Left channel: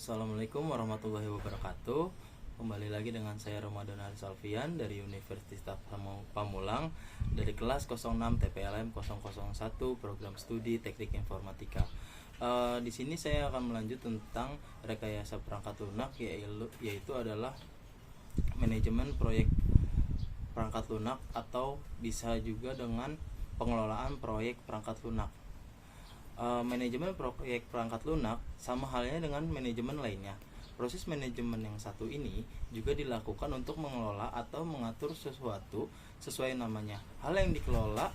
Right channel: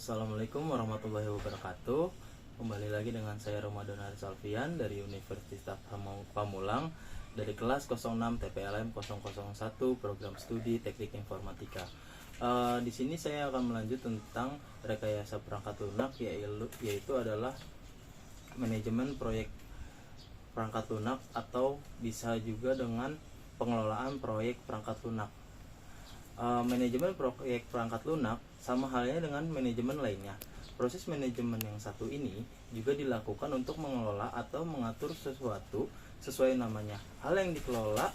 Assalamualaikum warahmatullahi wabarakatuh. Kembali lagi dengan saya Ramadan Haris Alfian dari Universitas Pamulang dari kelas 06 TPLM 001 Program Studi Teknik Informatika. Di sini saya akan melanjut tentang rekayasa perangkat lunak, yaitu adalah manajemen proyek perangkat lunak atau bisa juga dengan pengelolaan proyek perangkat lunak. Manajemen proyek perangkat lunak sama halnya dengan manajemen lainnya. Proses manajemen yang satu ini juga dilakukan untuk mengelola atau mengatur sesuatu sesuai namanya. Hal yang dikelola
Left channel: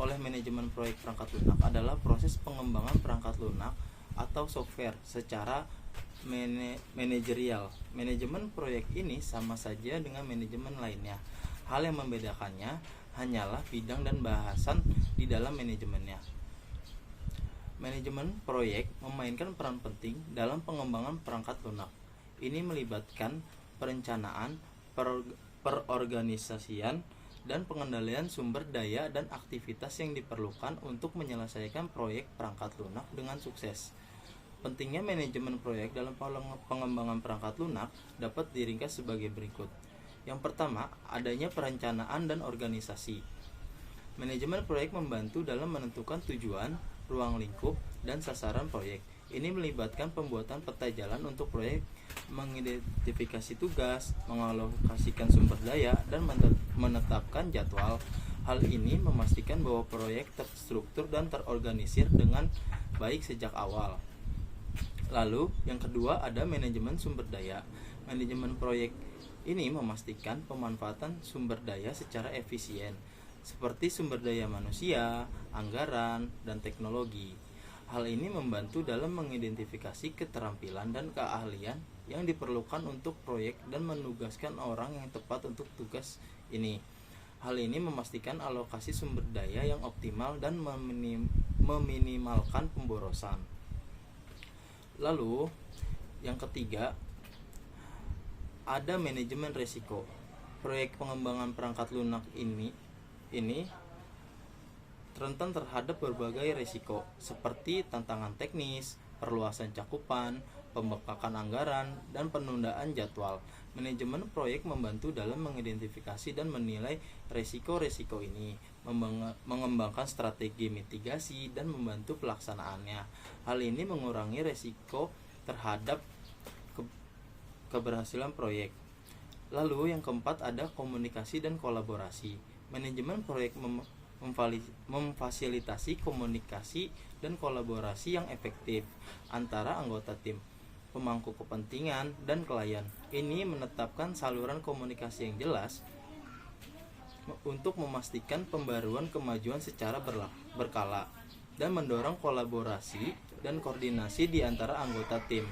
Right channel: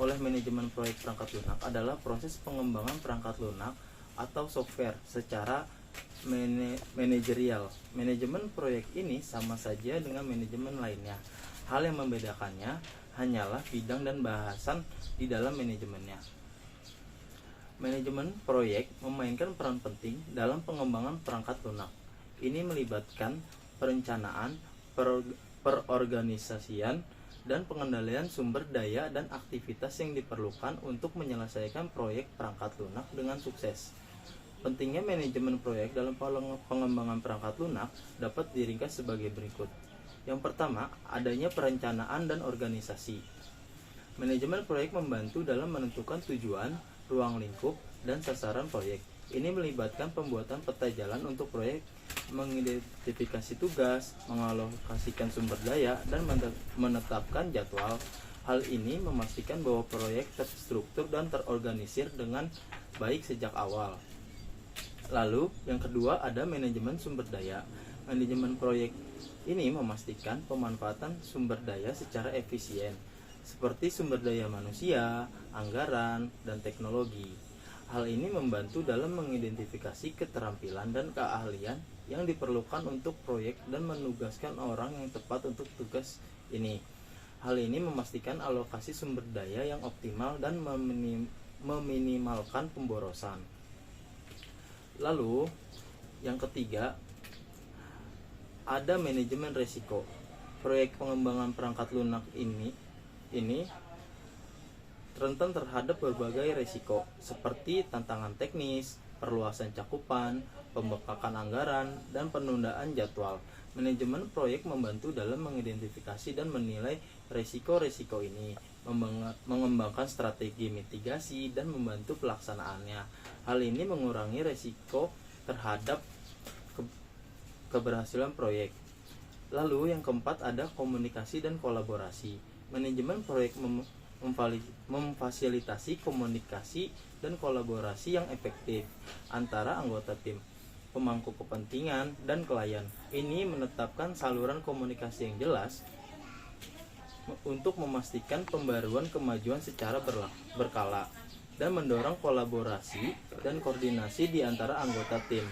oleh manajemen proyek perangkat lunak adalah proses pengembangan perangkat lunak atau software secara manajerial. Manajemen proyek ini sama saja dengan manajemen lainnya. Hal yang membedakannya hanyalah bidang dan bahasan di dalam manajemennya. Manajemen proyek memainkan peran penting dalam pengembangan perangkat lunak. Ini melibatkan perencanaan, perorganisasian, dan pengendalian sumber daya dan aktivitas yang diperlukan untuk menyelesaikan proyek perangkat lunak dengan sukses. Pentingnya manajemen proyek dalam pengembangan perangkat lunak dapat diringkas sebagai berikut. Yang pertama, adanya perencanaan dan organisasi. Manajemen proyek membantu dalam menentukan tujuan, ruang lingkup, dan sasaran proyek. Ini melibatkan pembuatan peta jalan untuk proyek, mengidentifikasi tugas, mengalokasikan sumber daya, dan menetapkan jadwal. Hal ini memastikan bahwa proyek terstruktur dan terorganisir dengan baik sejak awal. Lalu, yang kedua ada manajemen sumber daya. Manajemen proyek ini memastikan pemanfaatan sumber daya secara efisien, seperti sumber daya manusia, anggaran, dan teknologi. Hal ini membantu dalam mengidentifikasi keterampilan dan keahlian yang diperlukan untuk proyek dan menugaskan orang yang tepat untuk tugas ini. Hal ini memastikan alokasi sumber daya yang optimal dan meminimalkan pemborosan. Lalu, yang ketiga, ada manajemen risiko. Proyek pengembangan perangkat lunak ini rentan terhadap berbagai risiko seperti tantangan teknis, perluasan cakupan, pembengkakan anggaran, dan penundaan jadwal. Manajemen proyek membantu dalam mengidentifikasi dan menilai risiko-risiko ini, mengembangkan strategi mitigasi, dan membantu pelaksanaannya. Hal ini mengurangi risiko terhadap keberhasilan proyek. Lalu yang keempat ada komunikasi dan kolaborasi. Manajemen proyek memfasilitasi komunikasi dan kolaborasi yang efektif antara anggota tim, pemangku kepentingan, dan klien. Ini menetapkan saluran komunikasi yang jelas untuk memastikan pembaruan kemajuan secara berkala dan mendorong kolaborasi dan koordinasi di antara anggota tim.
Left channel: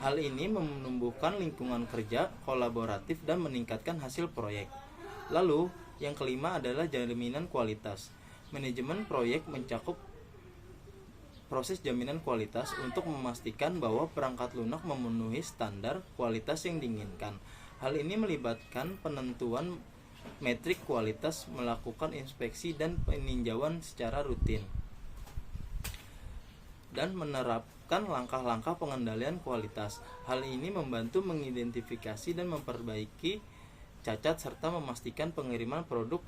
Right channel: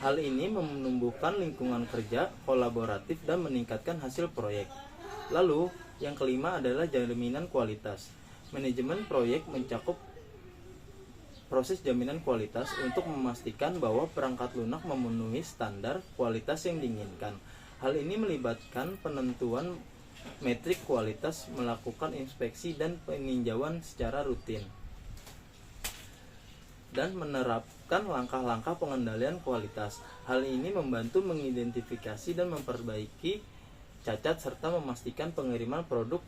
Hal ini menumbuhkan lingkungan kerja kolaboratif dan meningkatkan hasil proyek. Lalu, yang kelima adalah jaminan kualitas. Manajemen proyek mencakup proses jaminan kualitas untuk memastikan bahwa perangkat lunak memenuhi standar kualitas yang diinginkan. Hal ini melibatkan penentuan metrik kualitas, melakukan inspeksi dan peninjauan secara rutin, dan menerapkan langkah-langkah pengendalian kualitas. Hal ini membantu mengidentifikasi dan memperbaiki cacat serta memastikan pengiriman produk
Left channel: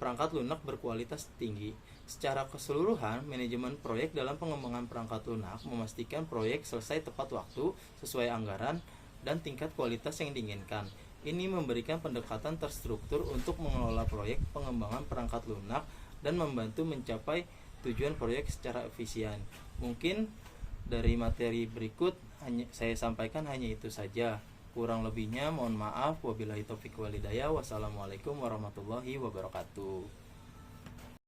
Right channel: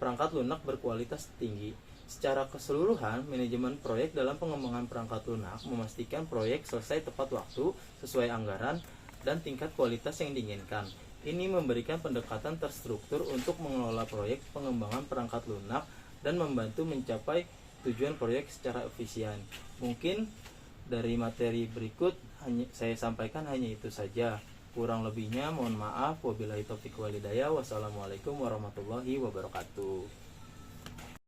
perangkat lunak berkualitas tinggi. Secara keseluruhan, manajemen proyek dalam pengembangan perangkat lunak memastikan proyek selesai tepat waktu, sesuai anggaran, dan tingkat kualitas yang diinginkan. Ini memberikan pendekatan terstruktur untuk mengelola proyek pengembangan perangkat lunak dan membantu mencapai tujuan proyek secara efisien. Mungkin dari materi berikut saya sampaikan hanya itu saja. Kurang lebihnya mohon maaf. Wabillahi taufiq walhidayah. Wassalamualaikum warahmatullahi wabarakatuh.